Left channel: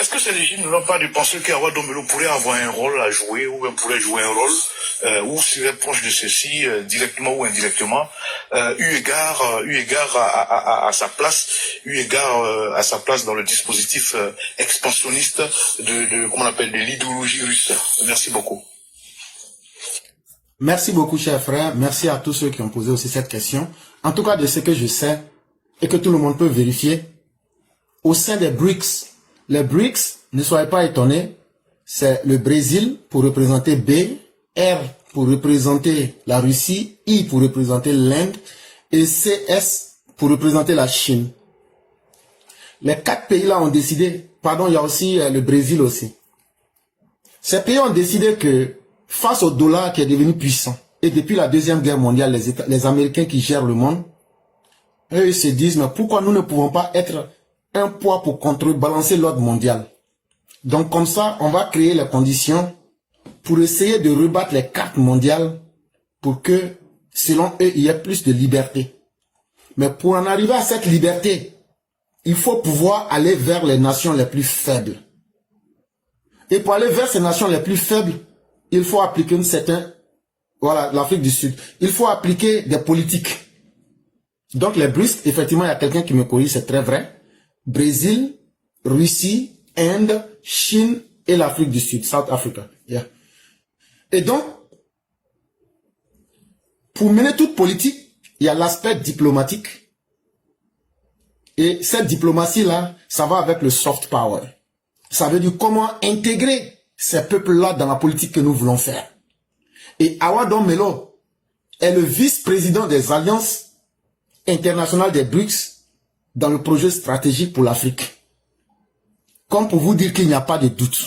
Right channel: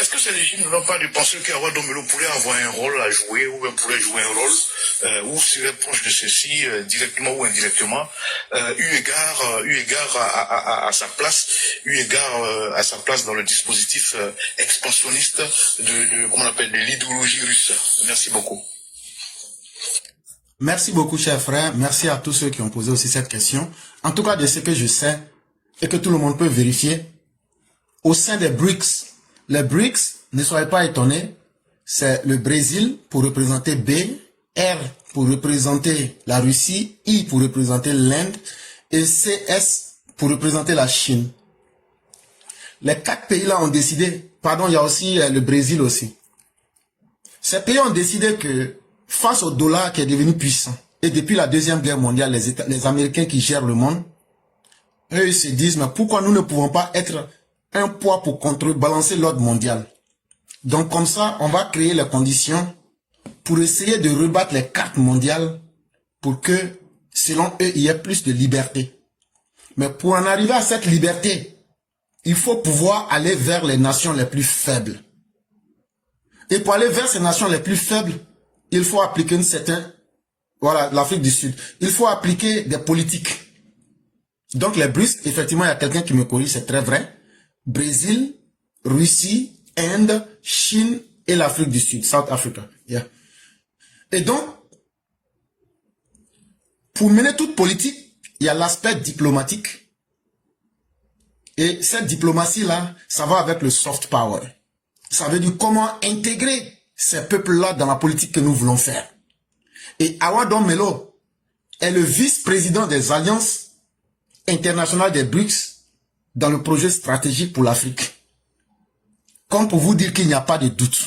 est-ce que ces régimes n'ont pas de penser qu'Awadomelo pourrait avoir un rôle à jouer, ou bien pourrait jouer un rôle, ou serait proche de ceci, directement ou indirectement, eu égard à sa place, à sa place dans le dispositif expansionniste comment on appelle, de l'idéologie russe. Merci beaucoup. Merci beaucoup, cher frère. Merci à tous ceux qui ont posé aussi cette question. En tout cas, de ce que je sais, et que tout le monde peut vérifier, au sein des BRICS, les BRICS, ne soyez pas étonnés, c'est le Brésil pour représenter B, R pour représenter la Russie, I pour représenter l'Inde, et CS pour représenter la Chine. Les 4 pays-là ont décidé, pardon, il y a aussi le Brésil aussi. Ces pays ont décidé que, face au dollar qui est devenu puissant, et depuis la Deuxième Guerre mondiale, les Américains qui gèrent le monde, eux ils se disent, mais pourquoi nous ne pouvons pas être un poids pour contrebalancer l'ordre mondial? Donc comme ça, on va créer les conditions pour essayer de rebattre les cartes mondiales pour que, selon eux, il y ait plus de liberté. Mais pour en arriver à cette liberté, il faut pouvoir aller vers les nations les plus faibles. Et pour aller vers ces nations les plus faibles, il faut appliquer une certaine... Voilà, l'Afrique du Sud. Il faut appliquer des politiques. Donc les BRICS, effectivement, il y a quelqu'un qui me corrige, c'est très vrai. Brésil, Russie, Inde, Chine et l'Afrique du Sud, South Africa. Yeah. Et donc, pour mener toute politique, il y a l'aspect diplomatique. Et cette diplomatie-là, ça va avec le soft power. Ça veut dire comment intégrer ces peuples-là dans la politique que nous voulons faire. Et Awadomelo est le vice-président des alliances internationales des BRICS dans le projet stratégique pour l'Afrique. Comme pour vous dire qu'il n'y a pas de doute.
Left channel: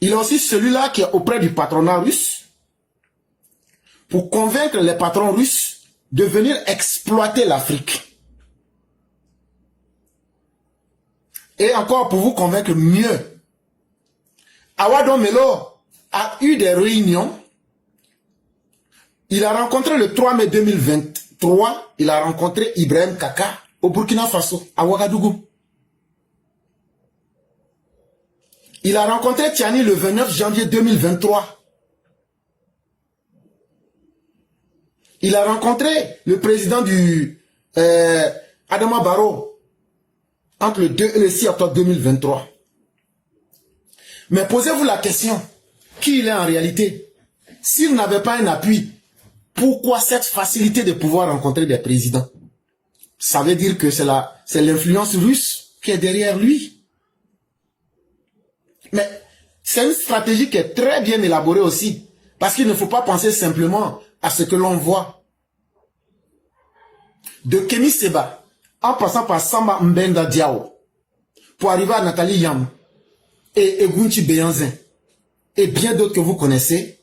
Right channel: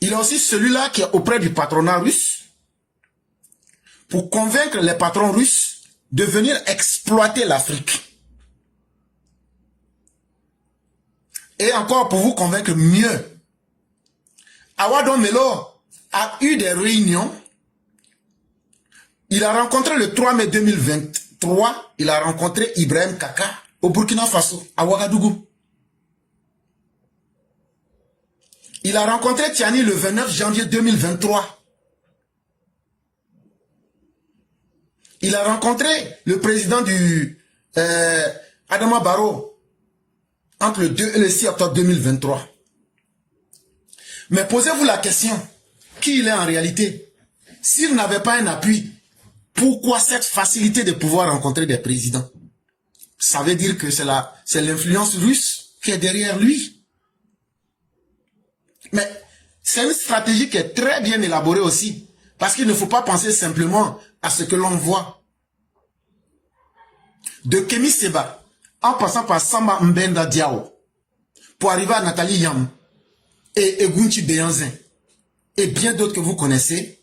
Il est aussi celui-là qui est auprès du patronat russe pour convaincre les patrons russes de venir exploiter l'Afrique. Et encore pour vous convaincre mieux, Awadomelo a eu des réunions. Il a rencontré le 3 mai 2023, il a rencontré Ibrahim Kaka au Burkina Faso, à Ouagadougou. Il a rencontré Tiani le 29 janvier 2023. Il a rencontré le président du Adama Barrow entre le 2 et le 6 octobre 2023. Mais posez-vous la question, qui il est en réalité? S'il n'avait pas un appui, pourquoi cette facilité de pouvoir rencontrer des présidents? Ça veut dire que c'est l'influence russe qui est derrière lui. Mais c'est une stratégie qui est très bien élaborée aussi. Parce qu'il ne faut pas penser simplement à ce que l'on voit. De Kémy Séba, en passant par Samba Mbenda Diao, pour arriver à Nathalie Yam et Egunchi Beyanzin, et bien d'autres que vous connaissez,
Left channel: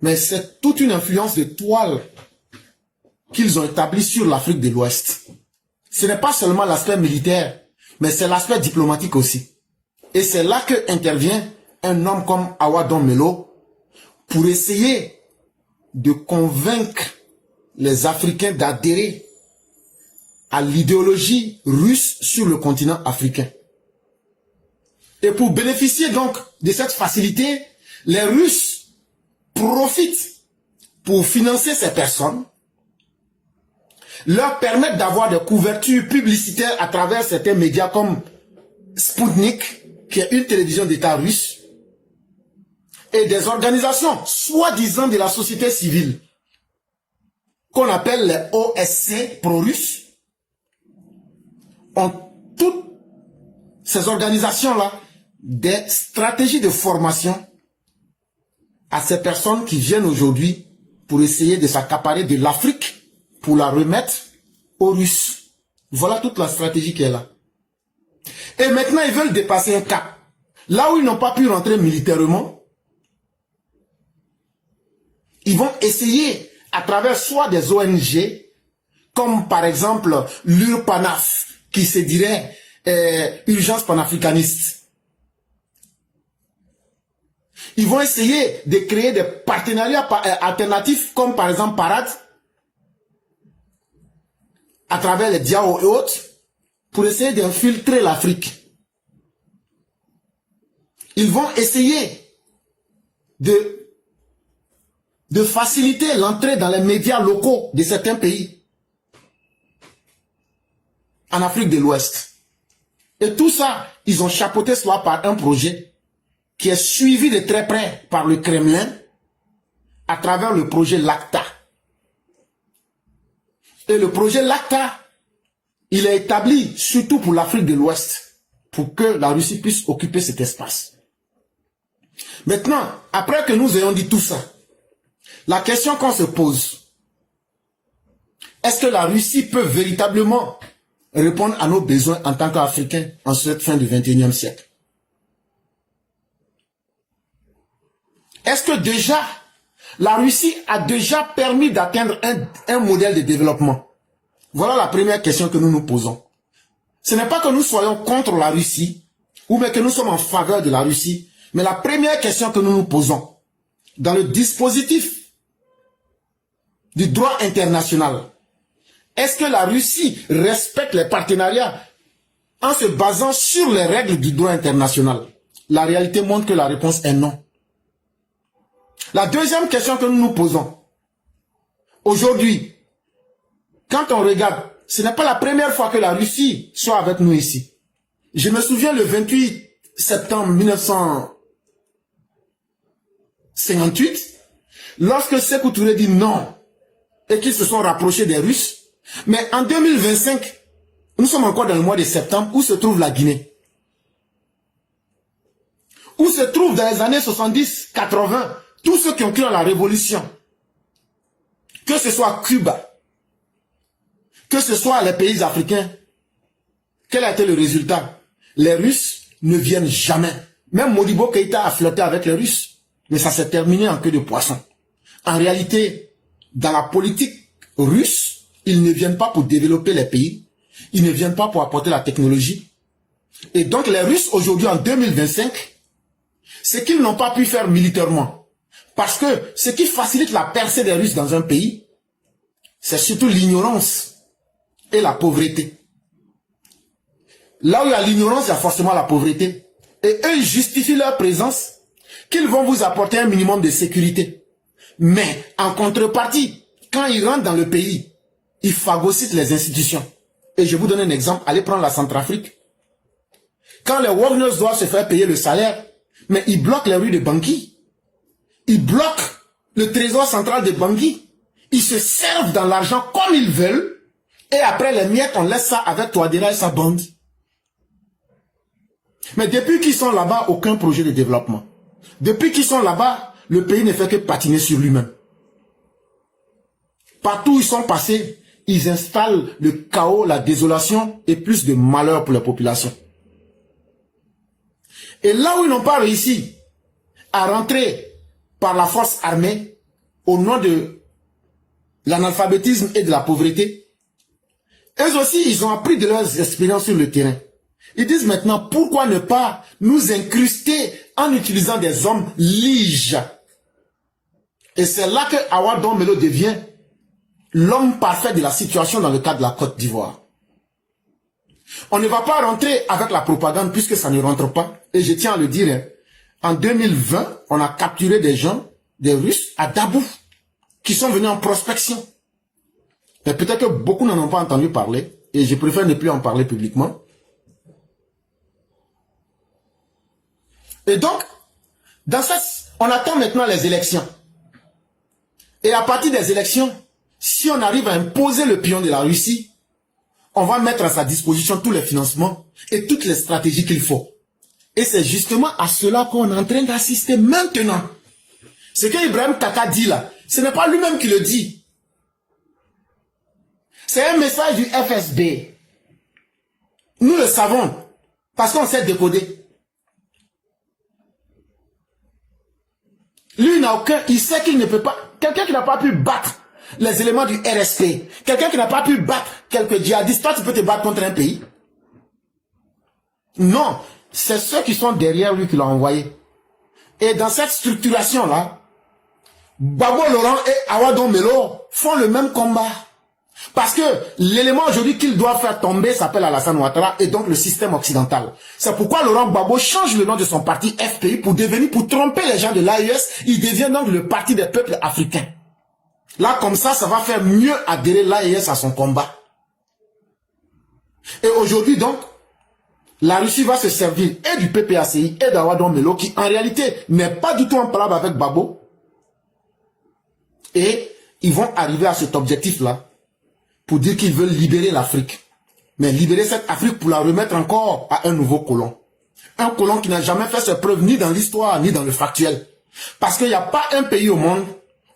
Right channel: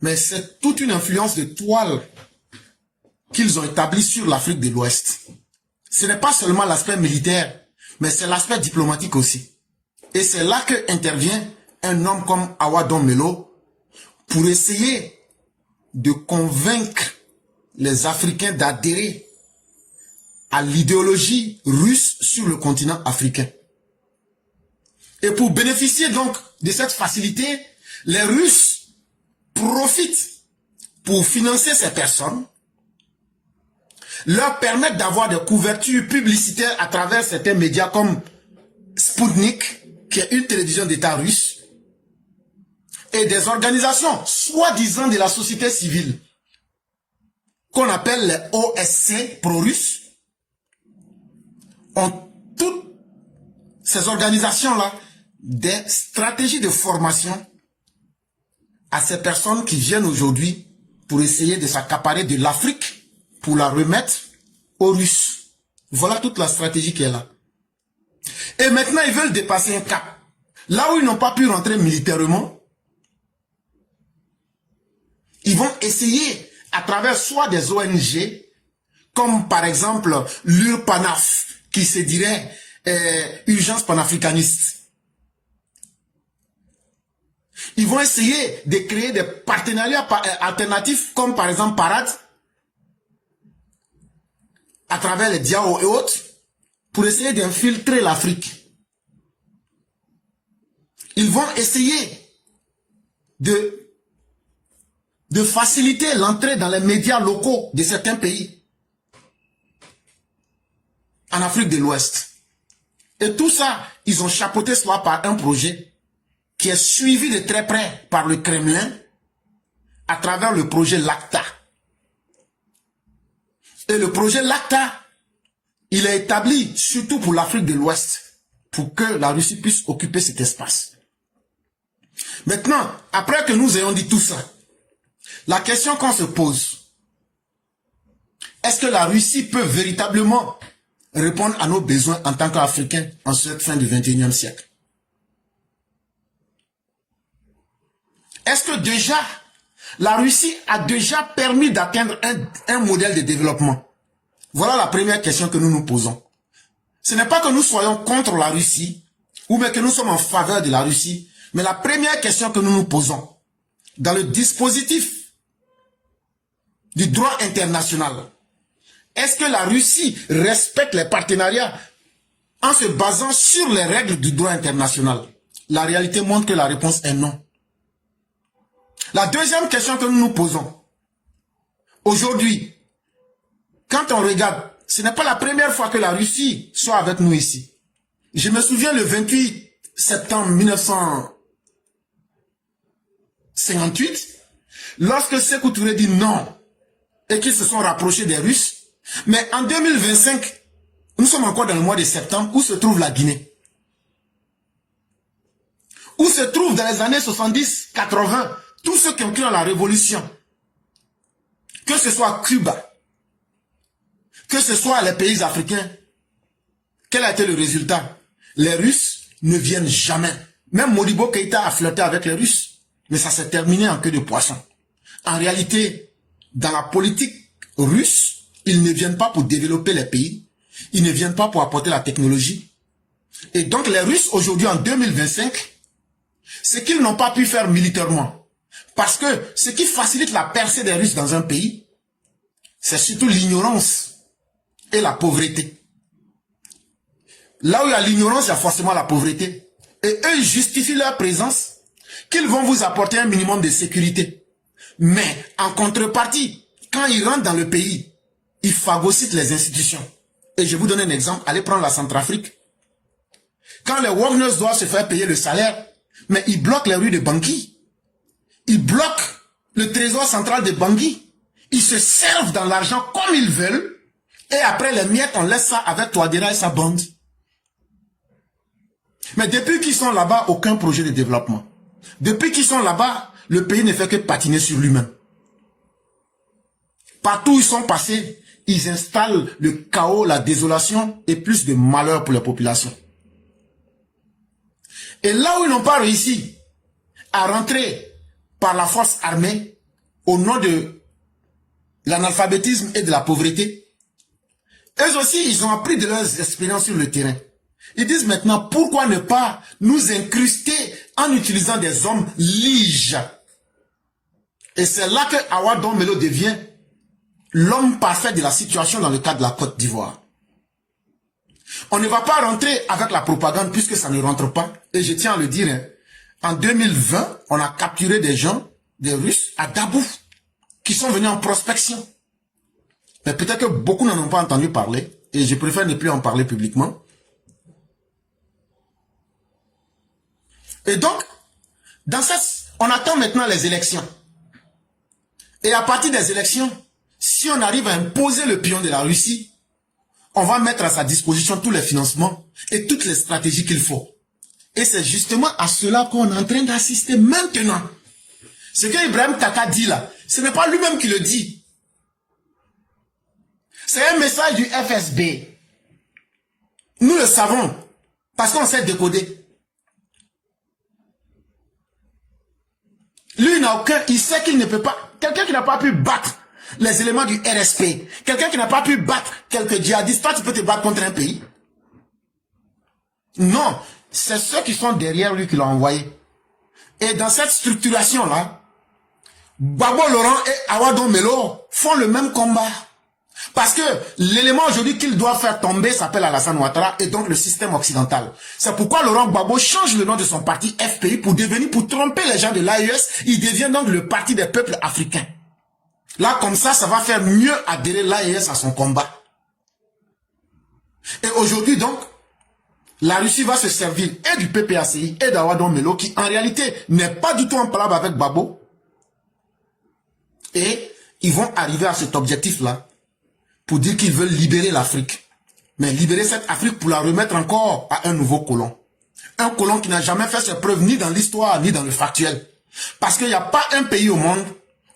mais c'est toute une influence de toile qu'ils ont établie sur l'Afrique de l'Ouest. Ce n'est pas seulement l'aspect militaire, mais c'est l'aspect diplomatique aussi. Et c'est là que intervient un homme comme Awadomelo pour essayer de convaincre les Africains d'adhérer à l'idéologie russe sur le continent africain. Et pour bénéficier donc de cette facilité, les Russes profitent pour financer ces personnes, leur permettre d'avoir des couvertures publicitaires à travers certains médias comme Sputnik, qui est une télévision d'État russe, et des organisations soi-disant de la société civile, qu'on appelle les OSC pro-russes, ont toutes ces organisations-là des stratégies de formation à ces personnes qui viennent aujourd'hui pour essayer de s'accaparer de l'Afrique pour la remettre aux Russes. Voilà toute la stratégie qui est là. Et maintenant, ils veulent dépasser un cap. Là où ils n'ont pas pu rentrer militairement, ils vont essayer, à travers soit des ONG, comme par exemple l'URPANAF, qui se dirait Urgence panafricaniste. Ils vont essayer de créer des partenariats alternatifs, comme par exemple Parade, à travers les Diao et autres, pour essayer d'infiltrer l'Afrique. Ils vont essayer de faciliter l'entrée dans les médias locaux de certains pays en Afrique de l'Ouest. Et tout ça, ils ont chapeauté cela par un projet qui est suivi de très près par le Kremlin à travers le projet LACTA. Et le projet LACTA, il est établi surtout pour l'Afrique de l'Ouest, pour que la Russie puisse occuper cet espace. Maintenant, après que nous ayons dit tout ça, la question qu'on se pose, est-ce que la Russie peut véritablement répondre à nos besoins en tant qu'Africains en cette fin du XXIe siècle? Est-ce que déjà, la Russie a déjà permis d'atteindre un modèle de développement? Voilà la première question que nous nous posons. Ce n'est pas que nous soyons contre la Russie, ou bien que nous sommes en faveur de la Russie, mais la première question que nous nous posons, dans le dispositif du droit international, est-ce que la Russie respecte les partenariats en se basant sur les règles du droit international? La réalité montre que la réponse est non. La deuxième question que nous nous posons, aujourd'hui, quand on regarde, ce n'est pas la première fois que la Russie soit avec nous ici. Je me souviens le 28 septembre 1958, lorsque Sékou Touré dit non et qu'ils se sont rapprochés des Russes. Mais en 2025, nous sommes encore dans le mois de septembre, où se trouve la Guinée? Où se trouvent dans les années 70, 80, tous ceux qui ont cru à la révolution? Que ce soit Cuba, que ce soit les pays africains, quel a été le résultat? Les Russes ne viennent jamais. Même Modibo Keïta a flirté avec les Russes, mais ça s'est terminé en queue de poisson. En réalité, dans la politique russe, ils ne viennent pas pour développer les pays, ils ne viennent pas pour apporter la technologie. Et donc les Russes aujourd'hui en 2025, ce qu'ils n'ont pas pu faire militairement, parce que ce qui facilite la percée des Russes dans un pays, c'est surtout l'ignorance et la pauvreté. Là où il y a l'ignorance, il y a forcément la pauvreté. Et eux, ils justifient leur présence qu'ils vont vous apporter un minimum de sécurité. Mais en contrepartie, quand ils rentrent dans le pays, ils phagocytent les institutions. Et je vous donne un exemple, allez prendre la Centrafrique. Quand les Wagners doivent se faire payer le salaire, mais ils bloquent les rues de Bangui. Ils bloquent le trésor central de Bangui. Ils se servent dans l'argent comme ils veulent. Et après les miettes, on laisse ça avec Touadéra et sa bande. Mais depuis qu'ils sont là-bas, aucun projet de développement. Depuis qu'ils sont là-bas, le pays ne fait que patiner sur lui-même. Partout où ils sont passés, ils installent le chaos, la désolation et plus de malheur pour la population. Et là où ils n'ont pas réussi à rentrer par la force armée, au nom de l'analphabétisme et de la pauvreté, eux aussi, ils ont appris de leurs expériences sur le terrain. Ils disent maintenant, pourquoi ne pas nous incruster en utilisant des hommes liges? Et c'est là que Awa Dombelo devient l'homme parfait de la situation dans le cas de la Côte d'Ivoire. On ne va pas rentrer avec la propagande puisque ça ne rentre pas. Et je tiens à le dire, en 2020, on a capturé des gens, des Russes, à Dabou, qui sont venus en prospection. Mais peut-être que beaucoup n'en ont pas entendu parler, et je préfère ne plus en parler publiquement. Et donc, on attend maintenant les élections. Et à partir des élections, si on arrive à imposer le pion de la Russie, on va mettre à sa disposition tous les financements et toutes les stratégies qu'il faut. Et c'est justement à cela qu'on est en train d'assister maintenant. Ce que Ibrahim Kaka dit là, ce n'est pas lui-même qui le dit. C'est un message du FSB. Nous le savons, parce qu'on sait décoder. Lui, il sait qu'il ne peut pas, quelqu'un qui n'a pas pu battre les éléments du RSP, quelqu'un qui n'a pas pu battre quelques djihadistes, toi tu peux te battre contre un pays? Non, c'est ceux qui sont derrière lui qui l'ont envoyé. Et dans cette structuration-là, Babo Laurent et Awa Dombelo font le même combat. Parce que l'élément aujourd'hui qu'il doit faire tomber s'appelle Alassane Ouattara et donc le système occidental. C'est pourquoi Laurent Gbagbo change le nom de son parti FPI pour tromper les gens de l'AES. Il devient donc le parti des peuples africains. Là, comme ça va faire mieux adhérer l'AES à son combat. Et aujourd'hui donc, la Russie va se servir et du PPACI et d'Awadon Melo qui en réalité n'est pas du tout en palabre avec Gbagbo. Et ils vont arriver à cet objectif-là pour dire qu'ils veulent libérer l'Afrique. Mais libérer cette Afrique pour la remettre encore à un nouveau colon. Un colon qui n'a jamais fait ses preuves ni dans l'histoire ni dans le factuel. Parce qu'il n'y a pas un pays au monde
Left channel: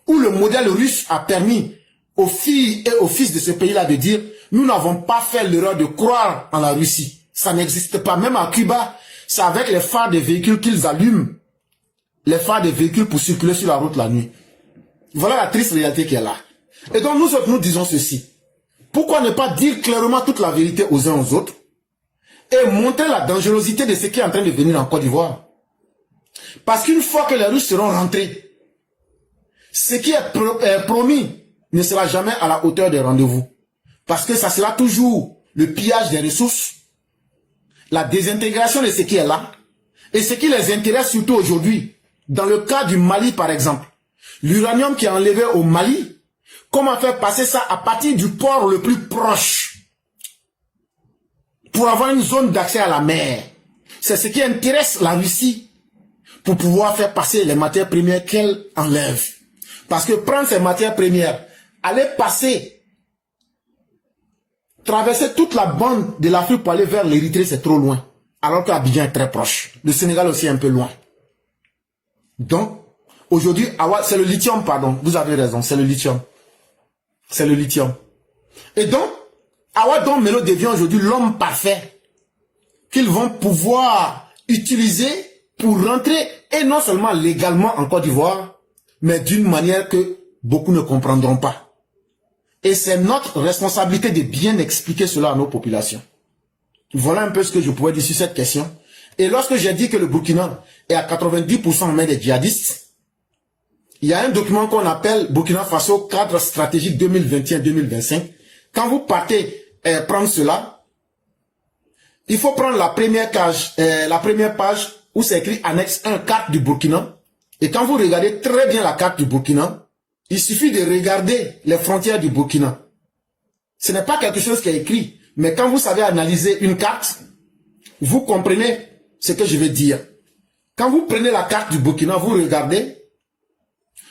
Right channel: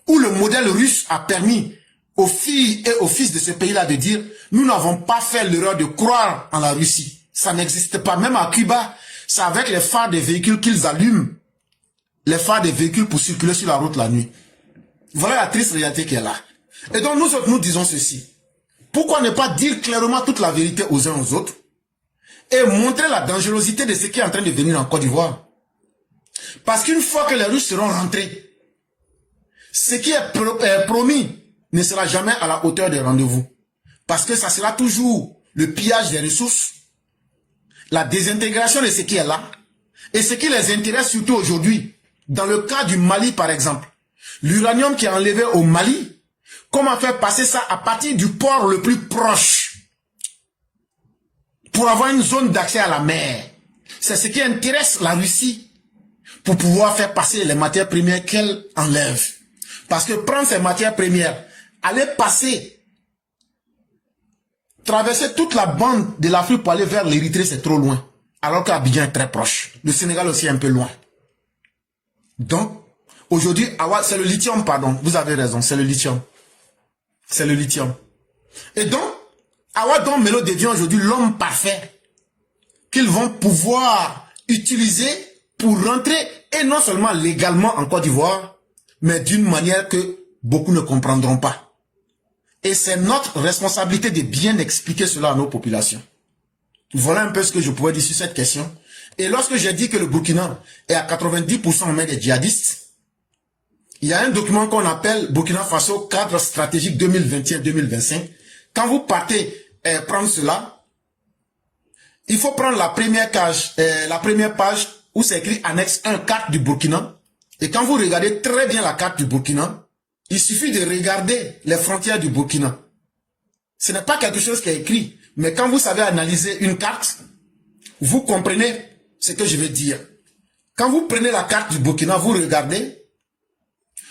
où le modèle russe a permis aux filles et aux fils de ce pays-là de dire « Nous n'avons pas fait l'erreur de croire en la Russie. » Ça n'existe pas. Même à Cuba, c'est avec les phares des véhicules qu'ils allument. Les phares des véhicules pour circuler sur la route la nuit. Voilà la triste réalité qui est là. Et donc nous disons ceci. Pourquoi ne pas dire clairement toute la vérité aux uns aux autres et montrer la dangerosité de ce qui est en train de venir en Côte d'Ivoire? Parce qu'une fois que les Russes seront rentrés, ce qui est promis ne sera jamais à la hauteur des rendez-vous. Parce que ça sera toujours le pillage des ressources, la désintégration de ce qui est là, et ce qui les intéresse surtout aujourd'hui, dans le cas du Mali par exemple, l'uranium qui est enlevé au Mali, comment faire passer ça à partir du port le plus proche pour avoir une zone d'accès à la mer? C'est ce qui intéresse la Russie pour pouvoir faire passer les matières premières qu'elle enlève. Parce que prendre ces matières premières, aller passer, traverser toute la bande de l'Afrique pour aller vers l'Érythrée, c'est trop loin. Alors qu'Abidjan est très proche. Le Sénégal aussi est un peu loin. Donc, aujourd'hui, c'est le lithium, pardon. Vous avez raison, c'est le lithium. C'est le lithium. Et donc, Awadon Melo devient aujourd'hui l'homme parfait qu'ils vont pouvoir utiliser pour rentrer, et non seulement légalement en Côte d'Ivoire, mais d'une manière que beaucoup ne comprendront pas. Et c'est notre responsabilité de bien expliquer cela à nos populations. Voilà un peu ce que je pourrais dire sur cette question. Et lorsque j'ai dit que le Burkina est à 90% en main des djihadistes, il y a un document qu'on appelle Burkina Faso cadre stratégique 2021-2025. Quand vous partez prendre cela, il faut prendre la première page où c'est écrit annexe 1, carte du Burkina. Et quand vous regardez très bien la carte du Burkina, il suffit de regarder les frontières du Burkina. Ce n'est pas quelque chose qui est écrit, mais quand vous savez analyser une carte, vous comprenez ce que je veux dire. Quand vous prenez la carte du Burkina, vous regardez,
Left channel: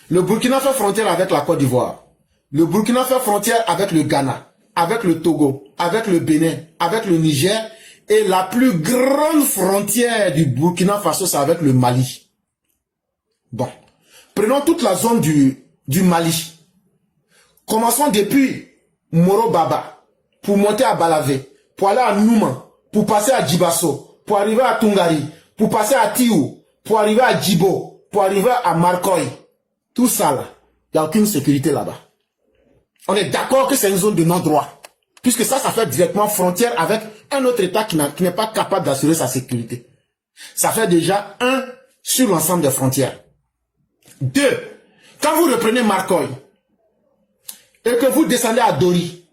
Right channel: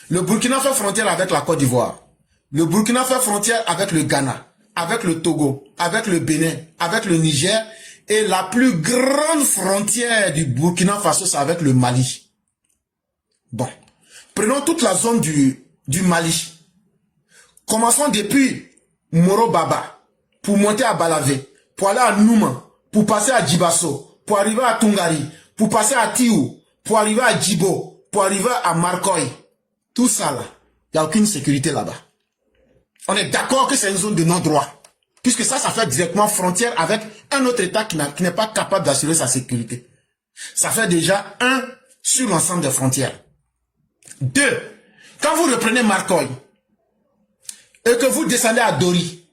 le Burkina fait frontière avec la Côte d'Ivoire. Le Burkina fait frontière avec le Ghana, avec le Togo, avec le Bénin, avec le Niger. Et la plus grande frontière du Burkina Faso, c'est avec le Mali. Bon, prenons toute la zone du Mali. Commençons depuis Moro-Baba, pour monter à Balavé, pour aller à Nouma, pour passer à Djibasso, pour arriver à Tungari, pour passer à Tiou, pour arriver à Djibo, pour arriver à Marcoy. Tout ça là, il n'y a aucune sécurité là-bas. On est d'accord que c'est une zone de non-droit. Puisque ça fait directement frontière avec un autre État qui n'est pas capable d'assurer sa sécurité. Ça fait déjà 1 sur l'ensemble des frontières. 2, quand vous reprenez Marcoy et que vous descendez à Dori,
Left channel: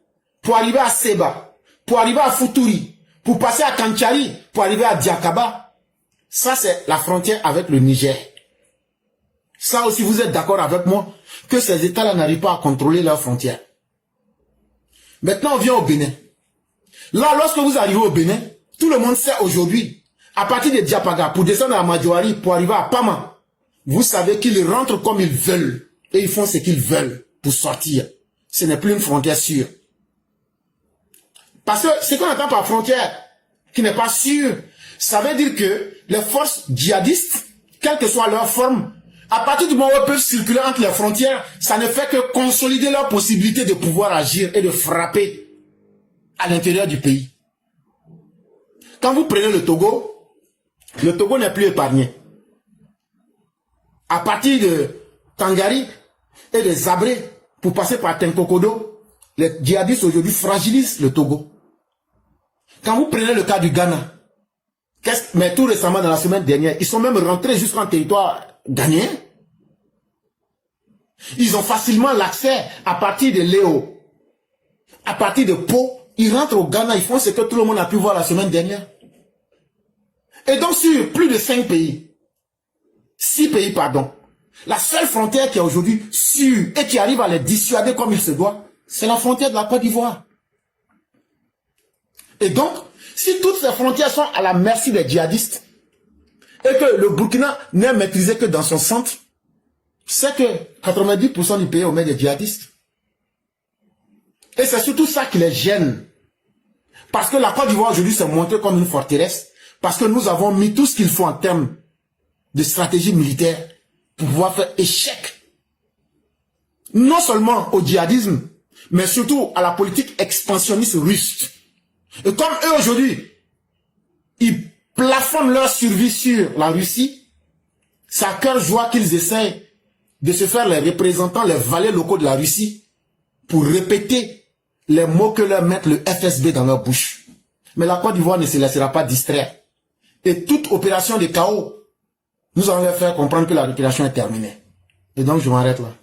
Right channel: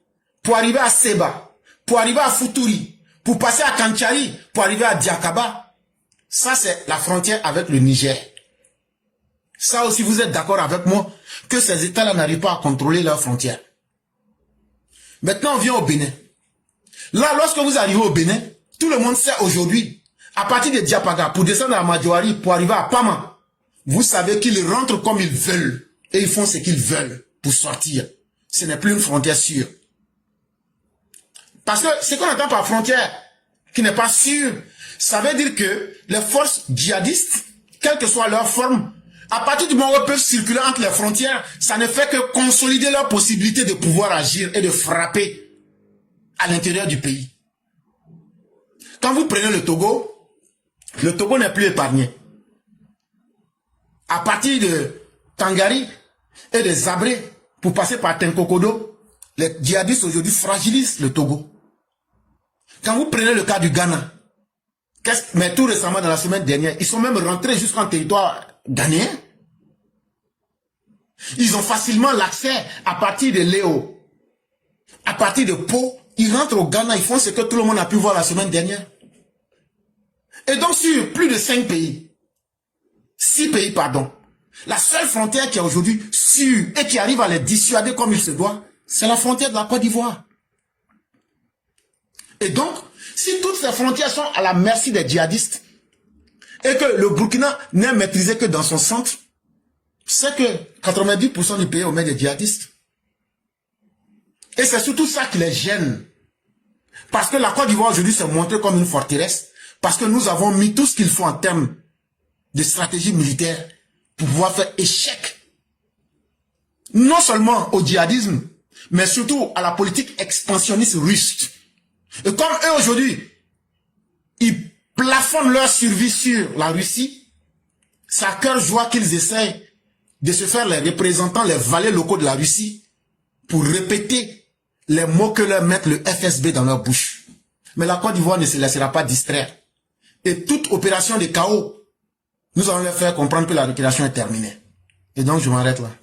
pour arriver à Seba, pour arriver à Futuri, pour passer à Kanchari, pour arriver à Diakaba, ça c'est la frontière avec le Niger. Ça aussi, vous êtes d'accord avec moi que ces États-là n'arrivent pas à contrôler leurs frontières. Maintenant, on vient au Bénin. Là, lorsque vous arrivez au Bénin, tout le monde sait aujourd'hui, à partir de Diapaga, pour descendre à Madjoari, pour arriver à Pama, vous savez qu'ils rentrent comme ils veulent. Et ils font ce qu'ils veulent pour sortir. Ce n'est plus une frontière sûre. Parce que ce qu'on entend par frontière qui n'est pas sûre, ça veut dire que les forces djihadistes, quelle que soit leur forme, à partir du moment où ils peuvent circuler entre les frontières, ça ne fait que consolider leur possibilité de pouvoir agir et de frapper à l'intérieur du pays. Quand vous prenez le Togo n'est plus épargné. À partir de Tangari et de Zabré, pour passer par Tenkokodo, les djihadistes aujourd'hui fragilisent le Togo. Quand vous prenez le cas du Ghana, mais tout récemment dans la semaine dernière, ils sont même rentrés jusqu'en territoire ghanéen. Ils ont facilement l'accès à partir de Léo. à partir de Pau, ils rentrent au Ghana, ils font ce que tout le monde a pu voir la semaine dernière. Et donc sur plus de 6 pays, pardon, la seule frontière qui est aujourd'hui sûre et qui arrive à les dissuader comme il se doit, c'est la frontière de la Côte d'Ivoire. Et donc, si toutes ces frontières sont à la merci des djihadistes, et que le Burkina n'est maîtrisé que dans son centre, c'est que 90% du pays est aux mains des djihadistes. Et c'est surtout ça qui les gêne. Parce que la Côte d'Ivoire aujourd'hui s'est montrée comme une forteresse, parce que nous avons mis tout ce qu'il faut en termes de stratégie militaire pour pouvoir faire échec, non seulement au djihadisme, mais surtout à la politique expansionniste russe. Et comme eux aujourd'hui, ils plafonnent leur survie sur la Russie, c'est à cœur joie qu'ils essayent de se faire les représentants, les valets locaux de la Russie, pour répéter les mots que leur mettent le FSB dans leur bouche. Mais la Côte d'Ivoire ne se laissera pas distraire. Et toute opération de chaos, nous allons leur faire comprendre que la récréation est terminée. Et donc je m'arrête là.